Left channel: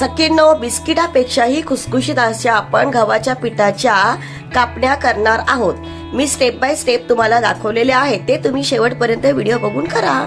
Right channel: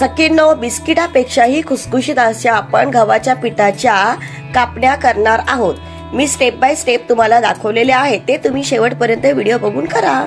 सखींनो, बिस्किटापेक्षाही खुसखुशीत अशा आपण गव्हाच्या पिठाच्या कापण्या करणार आहोत। मी स्टेप बाय स्टेप तुम्हाला दाखवलेले आहे, ते तुम्ही शेवटपर्यंत व्हिडिओ बघून करा।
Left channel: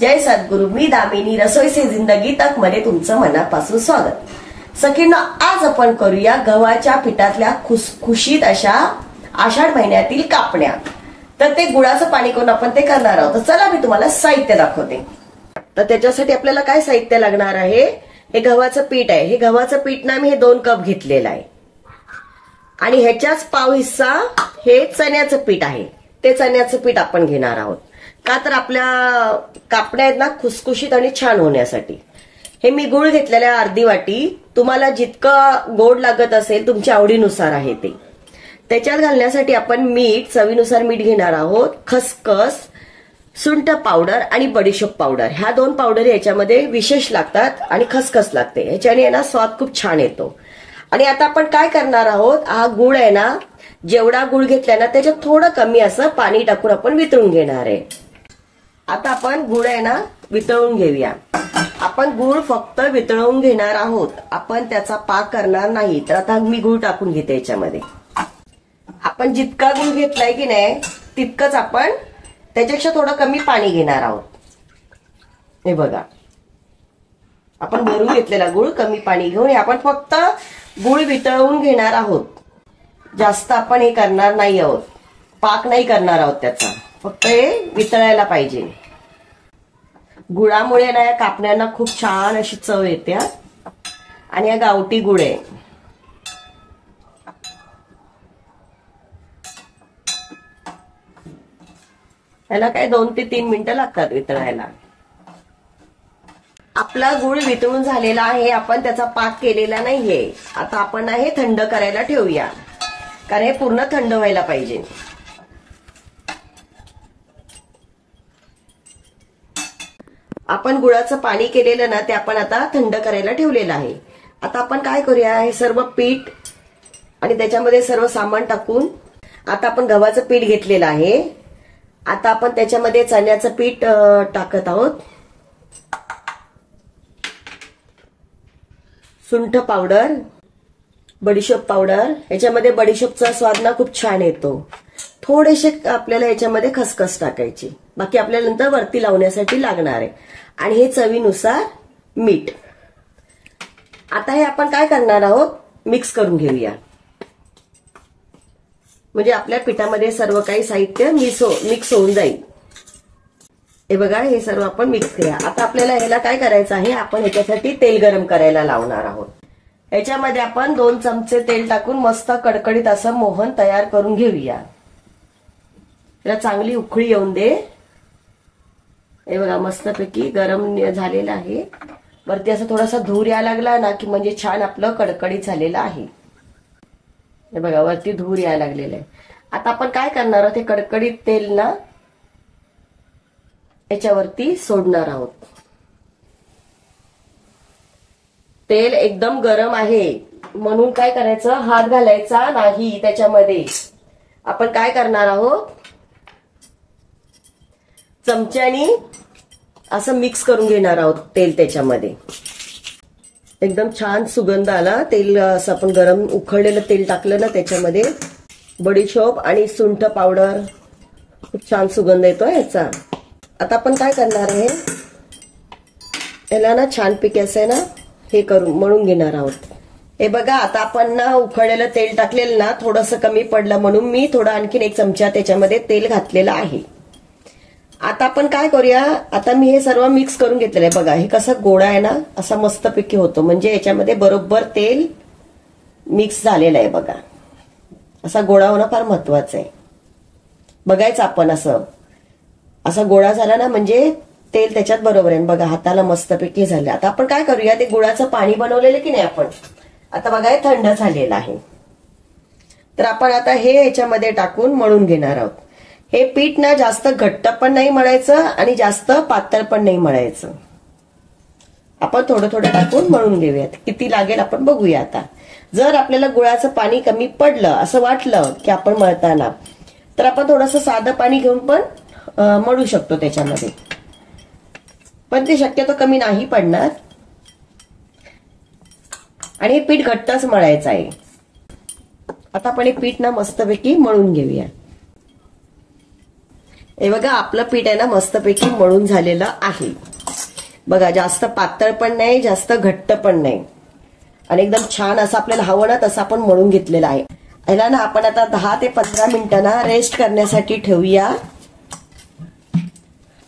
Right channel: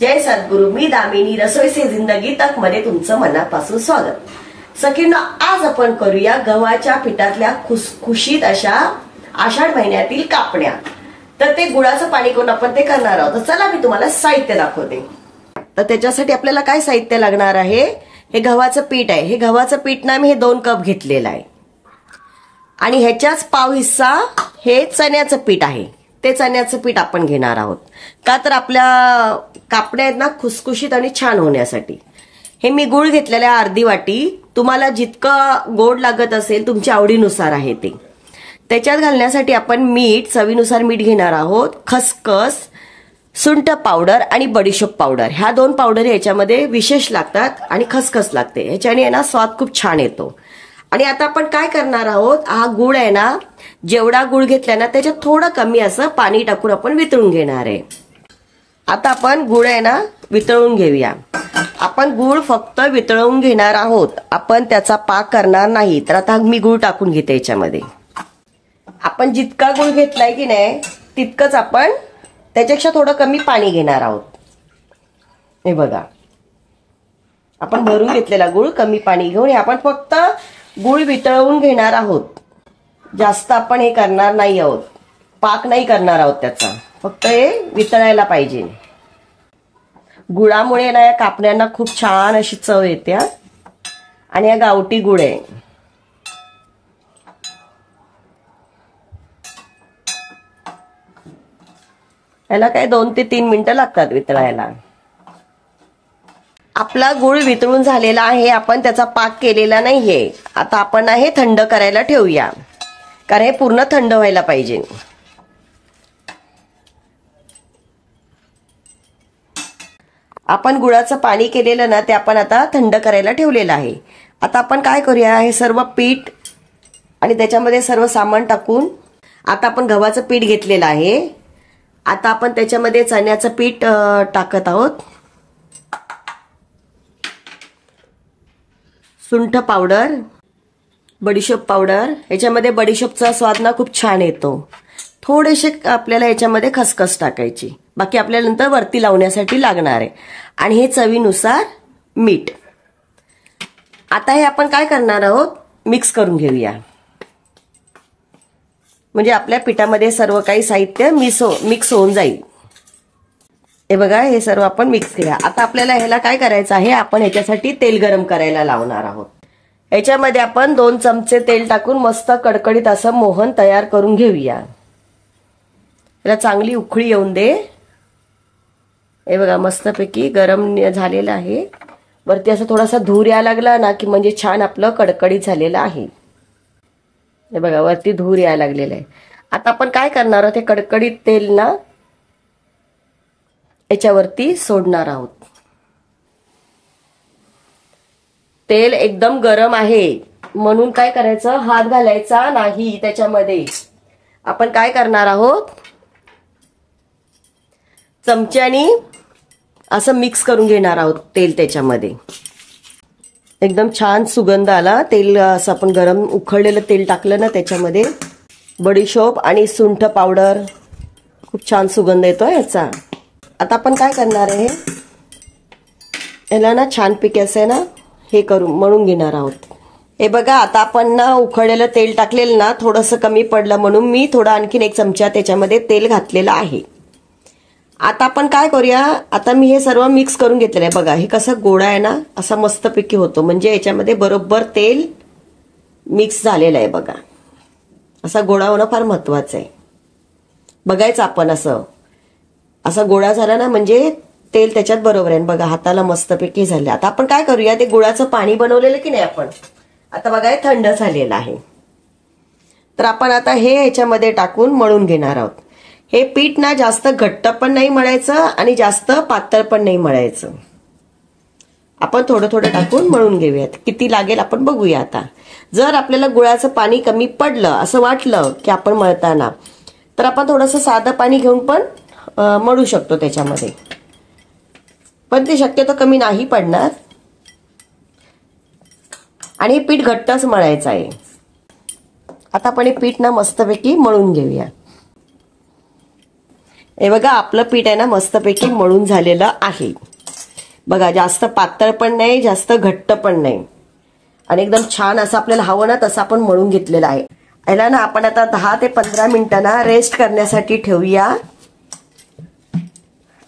जय सद्गुरु, मी दामिनी रसोई से जिंदगी तक मध्ये तुमचं मनापासून स्वागत। सखींनो, आज आपण करूया गव्हाच्या पिठातल्या खुसखुशीत अशा आषाढ महिन्यातील कापण्या। तर ते गुळाचं पाणी करून आपण ते करणार आहोत। तर चला मी तुम्हाला साहित्य दाखवते। तर त्याच्यासाठी आपल्याला काय साहित्य लागणार आहे, हे गव्हाचं पीठ आहे। हे गव्हाचं पीठ ना मी हे 2 कप घेतलेलं आहे आणि ह्याच्याच पाव हिस्सा हे चण्याचं पीठ आहे। ते चण्याचं पीठ आपण घेणार आहोत, का तर आपल्या कापण्या आहेत ना खुसखुशीत आणि छान होण्यासाठी। हे मी गुळ घेतलेला अर्धी वाटी, तुम्हाला जितकं गोड लागत असेल तुमच्या आवडीनुसार आहे ते। त्याच्यात घालण्यासाठी आपण मीठ, चवीनुसार मीठ घेणार आहोत, खसखस, सुंठ पावडर आणि बडीशोप पावडर। ह्या 2 पावडर याच्यामध्ये विशेष लागतात आणि खसखस लागते, ह्याच्याने ना स्वाद खूप छान येतो। आणि आता आपण काय करणार आहोत, हा गुळ आहे ना, जेवढा गुळ घेतला ना त्याच्यात थोडं कमी असं पाणी टाकून आपण वितळून घेणार आहे। आता आपण गुळ आहे ना वितळून घेऊया। आपण गुळ फक्त वितळवून घेणार आहोत, आपण त्याचा पाक करणार नाही। तर आता मी गुळ टाकून घेते याच्यामध्ये। आपण जितका गुळ घेतलाय की नाही तितकंच आपण त्याच्यापेक्षा थोडं कमी पाणी घेणार आहोत। हे बघा, आपण भरून घेतलेला गुळ कमी पाणी घेऊन आपण फक्त गुळ वितळवून घेणार आहोत। जास्त आपण हे करणार नाही आहोत, पाक नाही करणार आहोत त्याचा, फक्त हे वितळायला पाहिजे। गुळामुळे ना या कापण्यांना खूप छान अशी चव येते आणि हा गावठी गुळ आहे। याला काय 2 ते 3 मिनिटं लागतात वितळायला। आपला गुळ वितळून झालेला आहे, आपण त्याचा पाक केलेला नाहीये। आता आपण हे थंड करायला ठेवूया, कारण हे पूर्ण थंड व्हायला पाहिजे। आपण गुळाचं पाणी केलेलं ना ते आपण आता थंड करायला ठेवलेलं आहे। आता आपण काय करूया, हे सर्व पीठ आणि त्याच्यामध्ये सर्व सामान टाकून, आता आपण गव्हाचं पीठ घेतलेलं आहे, आता आपण त्याच्यामध्ये चण्याचं पीठ टाकत आहोत, सुंठ पावडर, बडीशोप पावडर। याच्यामध्ये बडीशोपचा स्वाद ना खूप छान येतो। थोडेसे आपल्याला याच्यामध्ये खसखस टाकायची, बाकी आपल्याला नंतर वरती लावण्यासाठी लागणार आहे। आणि हे चवीनुसार मीठ। आता हे आपण काय करणार आहोत, मिक्स करून घेऊया, म्हणजे आपल्या पिठामध्ये सर्व काही साहित्य मिक्स होऊन जाईल। हे बघा, हे सर्व आपण मिक्स करूया। आता आपल्याला ह्याला काय करायचं आहे, आपण ह्याच्यासाठी तेल गरम करायला लावणार आहोत। ह्याच्यामध्ये आपण 2 चमचे तेल टाकून मस्त कडकडीत असं मोहन तयार करून घेऊया। याला चांगली उकळी येऊन दे। हे बघा, मस्तपैकी गरम झालेलं आहे। वरती असं थोडासा धूर यायला लागला ना की म्हणजे छान आपलं कडकडीत झालेलं आहे। हे बघा, वरती धूर यायला लागलेला आहे। आता आपण काय करणार आहोत, हे कडकडीत तेल ना याच्यावरती सोडणार आहोत। तेल एकदम गरम आहे म्हणून काय करायचं, हात घालायचा नाही त्याच्यामध्ये। आपण काय करणार आहोत, चमच्यानी असं मिक्स करून घेणार आहोत तेल त्याच्यामध्ये। एकदम छान सुगंध आला, तेल असं आपण गरम उकळलेलं तेल टाकलं ना त्याच्यामध्ये, बडीशोप आणि सुंठ पावडर, खूप छान सुगंध येतोय याचा। आता आपण काय करणार आहे, याला ना छानपैकी असं आहे ना हे करून मळून घेणार आहोत। हे बघा, आता आपण ना उकळलेलं तेल टाकलेलं ना थोडंसं कमी पडलं म्हणून मी थोडा आणखीन 1 चमचा त्याच्यामध्ये तेल घातलेलं आहे। आता आपण काय करूया, आता मी हे सर्व मिक्स करून घेतलेलं आहे। बघा, हे कसं गोळा आहे ना असा मस्तपैकी होतो, म्हणजे याच्यामध्ये बरोबर तेल मिक्स झालेलं आहे। बघा, असा गोळा होणं फार महत्वाचं आहे। बघायचं आपण असा गोळा झाला ना म्हणजे तेल त्याच्यात बरोबर आहे। बघा, हाताला मस्तपैकी झाले। आता आपण काय करूया, ते गुळाचं पाणी बनवलेलं की नाही आपण, आता बघा हे थंड झालेलं आहे। तर आपण आता हे याच्यामध्ये टाकून मळून घेणार आहोत। हे पीठ ना जास्त घट्ट पण नाही मळायचं आणि जास्त पातळ पण नाही मळायचं. आपण थोडं थोडं टाकून मळून घेऊयात. किती लागेल आपण बघूया आता. जर आपल्याला गुळाचं पाणी कमी पडलं असं वाटलं की आपण मळताना, तर आपण थोडंसं साधं पाणी घेऊन पण मळू शकतो त्याच्यामध्ये, पण ते शक्यतो कमी नाही पडणार. आणि हे पीठ घट्टच मळायचं आहे. आता आपण हे पीठ ना मस्तपैकी मळून घेऊया. हे बघा आपलं पीठ आहे ना मस्तपैकी मळून झालेलं आहे. बघा जास्त पातळ पण नाही जास्त घट्ट पण नाही आणि एकदम छान असं आपल्याला हवं ना तसं आपण मळून घेतलेलं आहे. याला ना आपण आता 10 ते 15 मिनिटं ना रेस्ट करण्यासाठी ठेवूया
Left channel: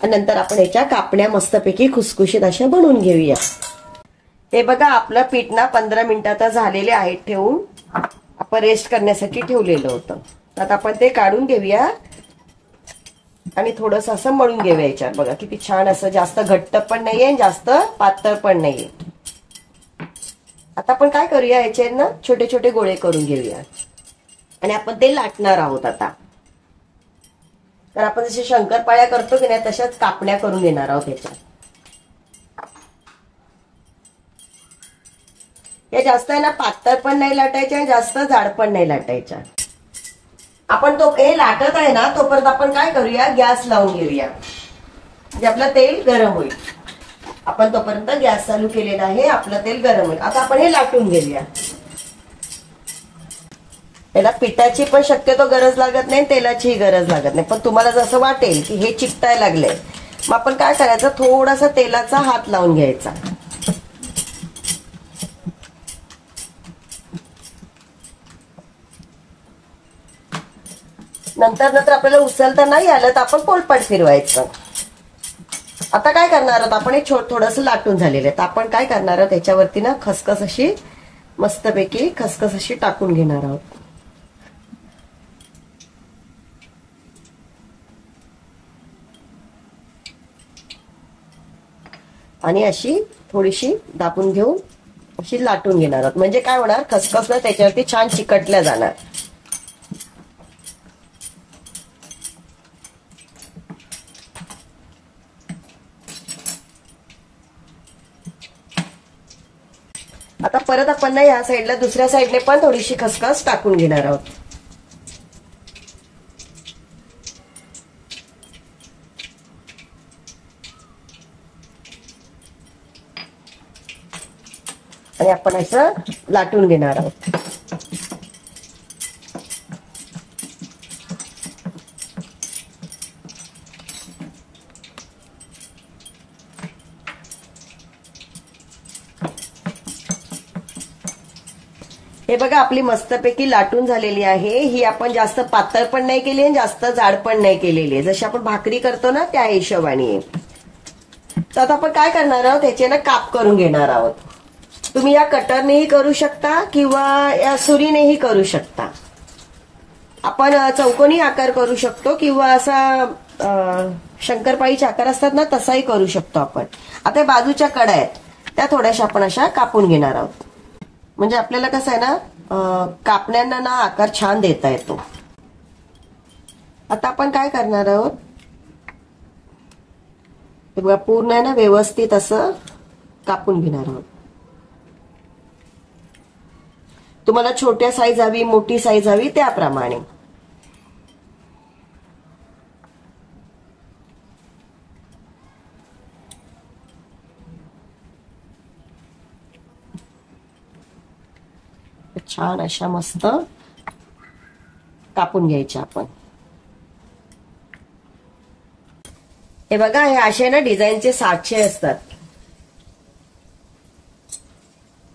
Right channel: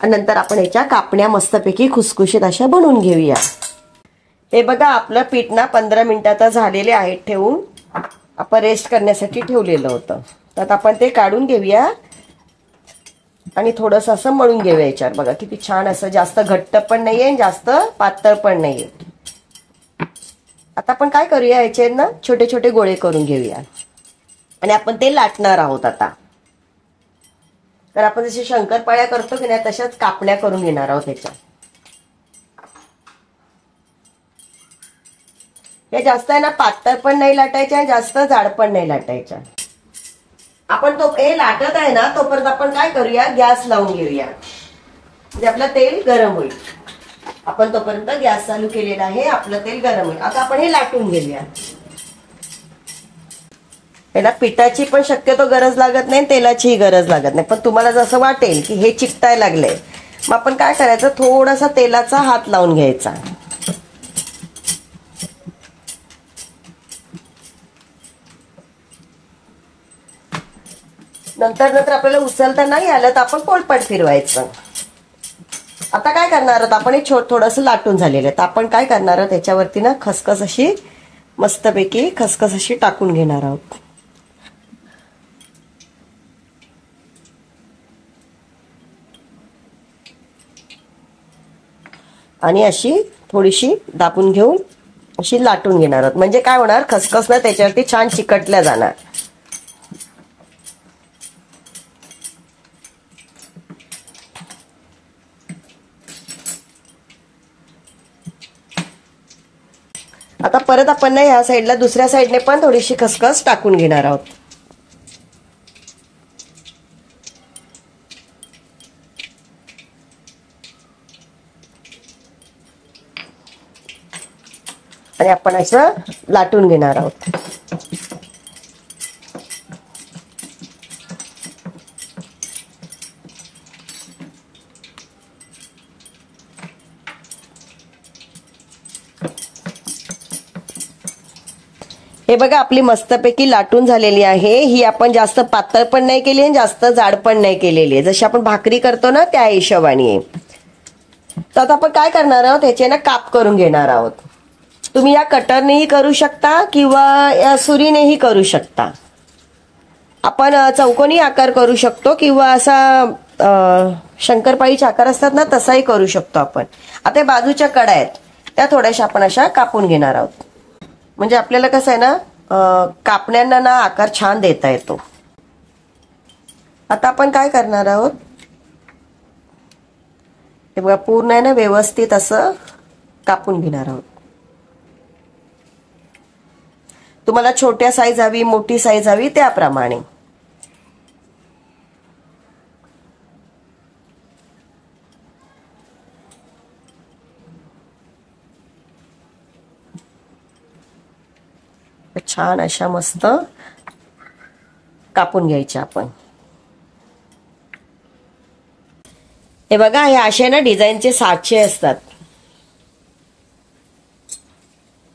आणि नंतर आपण याच्या कापण्या मस्तपैकी खुसखुशीत अशा बनवून घेऊया. हे बघा आपलं पीठ ना 15 मिनिटात झालेले आहेत ठेवून. आपण रेस्ट करण्यासाठी ठेवलेलं होतं. तर आता आपण ते काढून घेऊया आणि थोडंसं असं मळून घेऊया याच्यात. बघा किती छान असं जास्त घट्ट पण नाहीये जास्त पातळ पण नाहीये. आता आपण काय करूया याचे ना छोटे छोटे गोळे करून घेऊया आणि आपण ते लाटणार आहोत आता. तर आपण जसे शंकरपाळ्या करतो की नाही तशाच कापण्या करून घेणार आहोत त्याच्या. या जास्त आहे ना पातळ पण नाही लाटायच्या जास्त जाड पण नाही लाटायच्या. आपण तो हे लाटत आहे ना तोपर्यंत आपण काय करूया गॅस लावून घेऊया म्हणजे आपलं तेल गरम होईल. आपण तोपर्यंत गॅस चालू केलेला आहे. आपलं तेल गरम होईल. आता आपण हे लाटून घेऊया. याला पिठाची पण शक्यतो गरज लागत नाही तेलाचीही गरज लागत नाही. पण तुम्हाला जसं वाटेल की हे चिकटायला लागलंय मग आपण काय करायचं थोडासा तेलाचा हात लावून घ्यायचा. नंतर आपल्याला उचलता नाही आलं तर आपण पोलपाट फिरवायचं. आता काय करणार आहोत आपण हे थोडंसं लाटून झालेलं आहे. तर आपण काय करणार आहोत त्याच्यावरती ना खसखस अशी मस्तपैकी खसखस अशी टाकून घेणार आहोत. आणि अशी थोडीशी दाबून घेऊन अशी लाटून घेणार आहोत. म्हणजे काय होणार खसखस ना त्याच्यावरती छान चिकटल्या जाणार. आता परत आपण ना या साईडला दुसऱ्या साईडने पण थोडीशी खसखस टाकून घेणार आहोत. आणि आपण असं लाटून घेणार आहोत. हे बघा आपली मस्तपैकी लाटून झालेली आहे. ही आपण जास्त पातळ पण नाही केली आणि जास्त जाड पण नाही केलेली आहे. जशी आपण भाकरी करतो ना त्या हिशोबाने. तर आता आपण काय करणार आहोत ह्याचे ना काप करून घेणार आहोत. तुम्ही या कटरनेही करू शकता किंवा या सुरीनेही करू शकता. आपण चौकोनी आकार करू शकतो किंवा असा शंकरपाळीचे आकार असतात ना तसाही करू शकतो आपण. आता बाजूच्या कडा आहेत त्या थोड्याशा आपण अशा कापून घेणार आहोत. म्हणजे आपल्याला कसं आहे ना कापण्यांना ना आकार छान देता येतो. आता आपण काय करणार आहोत हे बघा पूर्ण आहे ना व्यवस्थित असं कापून घेणार आहोत. तुम्हाला छोट्या साईज हवी मोठी साईज हवी त्याप्रमाणे. छान अशा मस्त कापून घ्यायच्या आपण. हे बघा हे असे ना डिझाईनचे साचे असतात.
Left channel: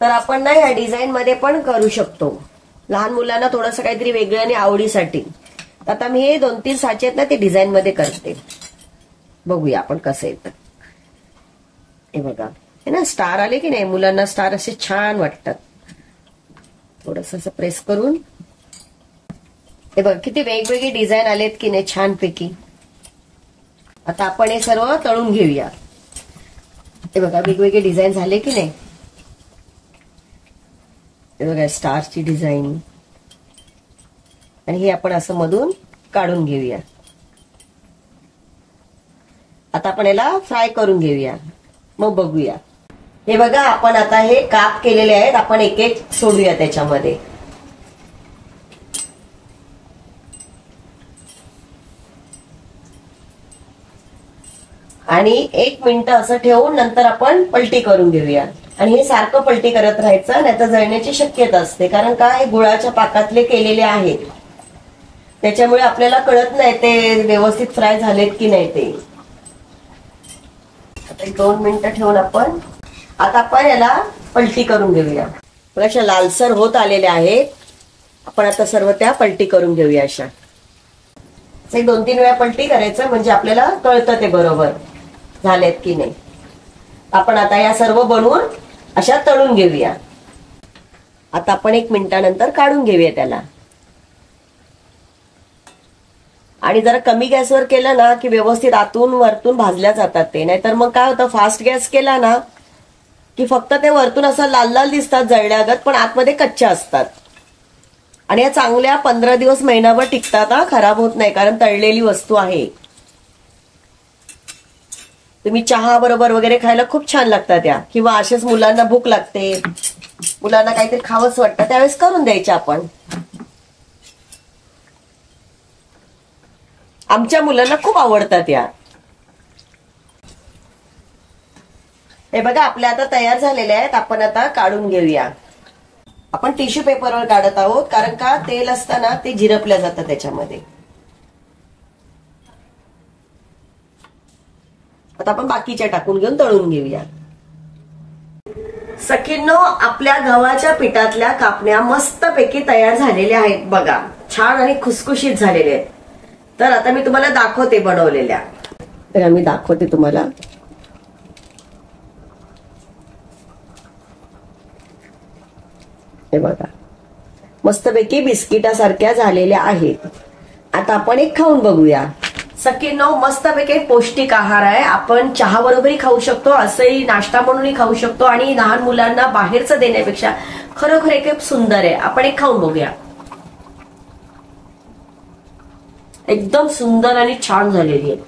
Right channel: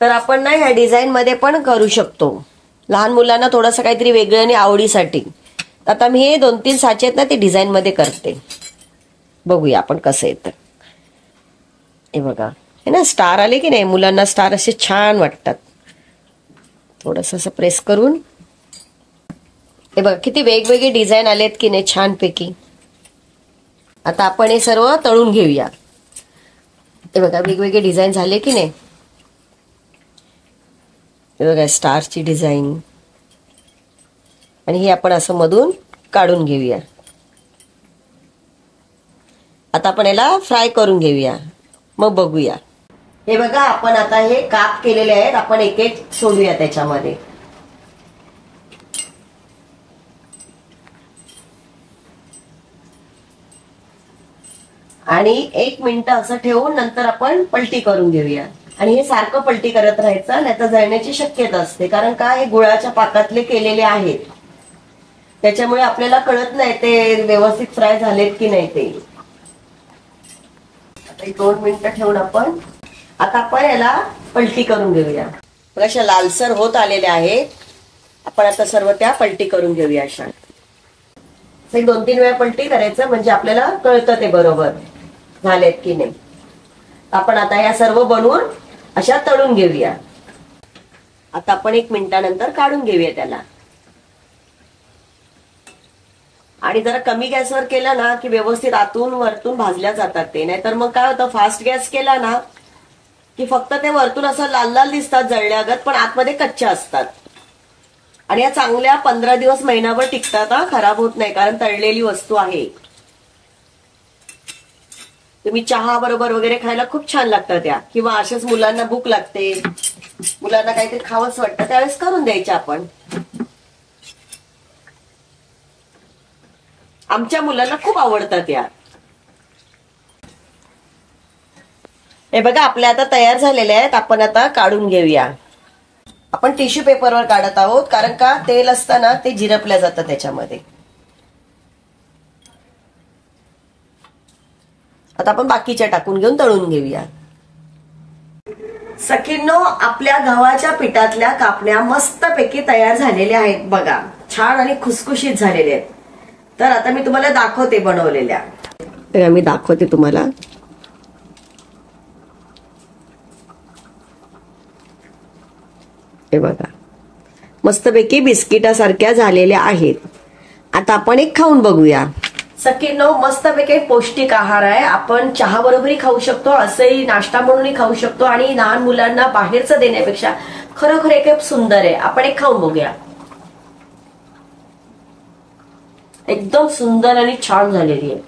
तर आपण ना ह्या डिझाईन मध्ये पण करू शकतो. लहान मुलांना थोडंसं काहीतरी वेगळं आणि आवडीसाठी. आता मी हे 2-3 साचे आहेत ना ते डिझाईन मध्ये करते. बघूया आपण कसं येतं. हे बघा हे ना स्टार आले की नाही मुलांना स्टार असे छान वाटतात. थोडंसं असं प्रेस करून हे बघा किती वेगवेगळे डिझाईन आलेत की नाही छानपैकी. आता आपण हे सर्व तळून घेऊया. हे बघा वेगवेगळे डिझाईन झाले की नाही. हे बघा स्टारची डिझाईन आणि हे आपण असं मधून काढून घेऊया. आता आपण याला फ्राय करून घेऊया, मग बघूया. हे बघा, आपण आता हे काप केलेले आहेत, आपण एक एक सोडूया त्याच्यामध्ये. आणि 1 मिनिट असं ठेवून नंतर आपण पलटी करून घेऊया. आणि हे सारखं पलटी करत राहायचं, नाही तर जळण्याची शक्यता असते. कारण का, हे गुळाच्या पाकातले केलेले आहेत, त्याच्यामुळे आपल्याला कळत नाही ते व्यवस्थित फ्राय झालेत की नाही ते. आता 2 मिनिटं ठेवून आता आपण याला पलटी करून घेऊया. अशा लालसर होत आलेल्या आहेत. आपण आता सर्व त्या पलटी करून घेऊया. अशा 2-3 वेळा पलटी करायचं, म्हणजे आपल्याला कळतं ते बरोबर झालेत की नाही. आपण आता या सर्व बनवून अशा तळून घेऊया. आता आपण 1 मिनिटानंतर काढून घेऊया त्याला. आणि जरा कमी गॅसवर केलं ना की व्यवस्थित आतून वरतून भाजल्या जातात ते. नाहीतर मग काय होतं, फास्ट गॅस केला ना की फक्त ते वरतून असं लाल लाल दिसतात जळल्यागत, पण आतमध्ये कच्च्या असतात. आणि या चांगल्या 15 दिवस महिनाभर टिकतात, खराब होत नाही, कारण तळलेली वस्तू आहे. तुम्ही चहा बरोबर वगैरे खायला खूप छान लागतात या. किंवा असेच मुलांना भूक लागते, मुलांना काहीतरी खावंच वाटतं, त्यावेळेस करून द्यायचे आपण. आमच्या मुलांना खूप आवडतात या. हे बघा, आपल्या आता तयार झालेले आहेत. आपण आता काढून घेऊया. आपण टिश्यू पेपरवर काढत आहोत, कारण का तेल असताना ते झिरपल्या जातं त्याच्यामध्ये. आता आपण बाकीच्या टाकून घेऊन तळून घेऊया. सखींनो, आपल्या गव्हाच्या पिठातल्या कापण्या मस्तपैकी तयार झालेल्या आहेत बघा. छान आणि खुसखुशीत झालेले आहेत. तर आता मी तुम्हाला दाखवते बनवलेल्या. तर मी दाखवते तुम्हाला. हे बघा, मस्तपैकी बिस्किटासारख्या झालेल्या आहेत. आता आपण एक खाऊन बघूया. सखींनो, मस्तपैकी पौष्टिक आहार आहे. आपण चहा बरोबरही खाऊ शकतो, असंही नाश्ता म्हणूनही खाऊ शकतो. आणि लहान मुलांना बाहेरचं देण्यापेक्षा खरोखर एक सुंदर आहे. आपण एक खाऊन बघूया. एकदम सुंदर आणि छान झालेली आहे.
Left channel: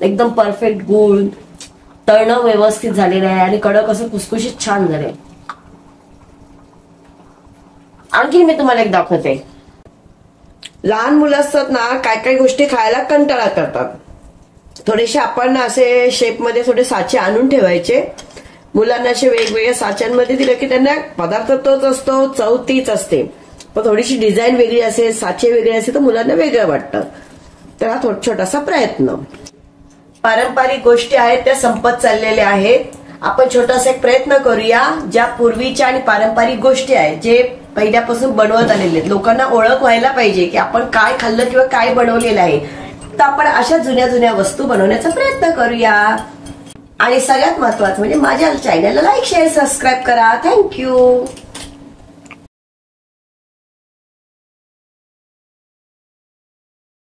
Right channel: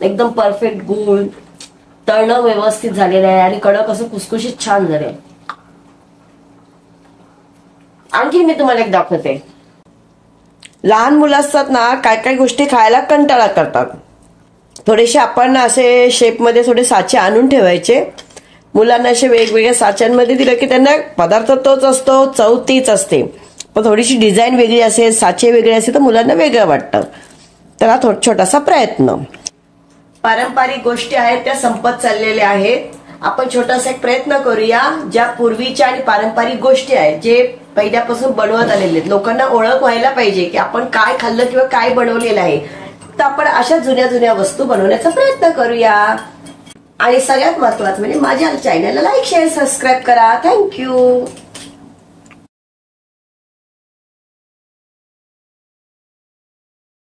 एकदम परफेक्ट गुळ, तळणं व्यवस्थित झालेलं आहे आणि कडक असं कुसकुशीत छान झालंय. आणखी मी तुम्हाला एक दाखवते. लहान मुलं असतात ना, काय काय गोष्टी खायला कंटाळा करतात. थोडेसे आपण असे शेपमध्ये थोडे साचे आणून ठेवायचे. मुलांना असे वेगवेगळ्या साच्यांमध्ये दिलं की त्यांना पदार्थ तोच असतो, चव तीच असते, पण थोडीशी डिझाईन वेगळी असेल, साचे वेगळे असेल तर मुलांना वेगळं वाटतं. तर हा छोटासा प्रयत्न. पारंपरिक गोष्टी आहेत त्या संपत चाललेल्या आहेत. आपण छोटासा एक प्रयत्न करूया. ज्या पूर्वीच्या आणि पारंपरिक गोष्टी आहेत, जे पहिल्यापासून बनवत आलेले आहेत, लोकांना ओळख व्हायला पाहिजे की आपण काय खाल्लं किंवा काय बनवलेलं आहे. तर आपण अशा जुन्या जुन्या वस्तू बनवण्याचा प्रयत्न करूया. आणि सगळ्यात महत्वाचं म्हणजे माझ्या चॅनलला लाईक, शेअर, सबस्क्राईब करा. थँक्यू.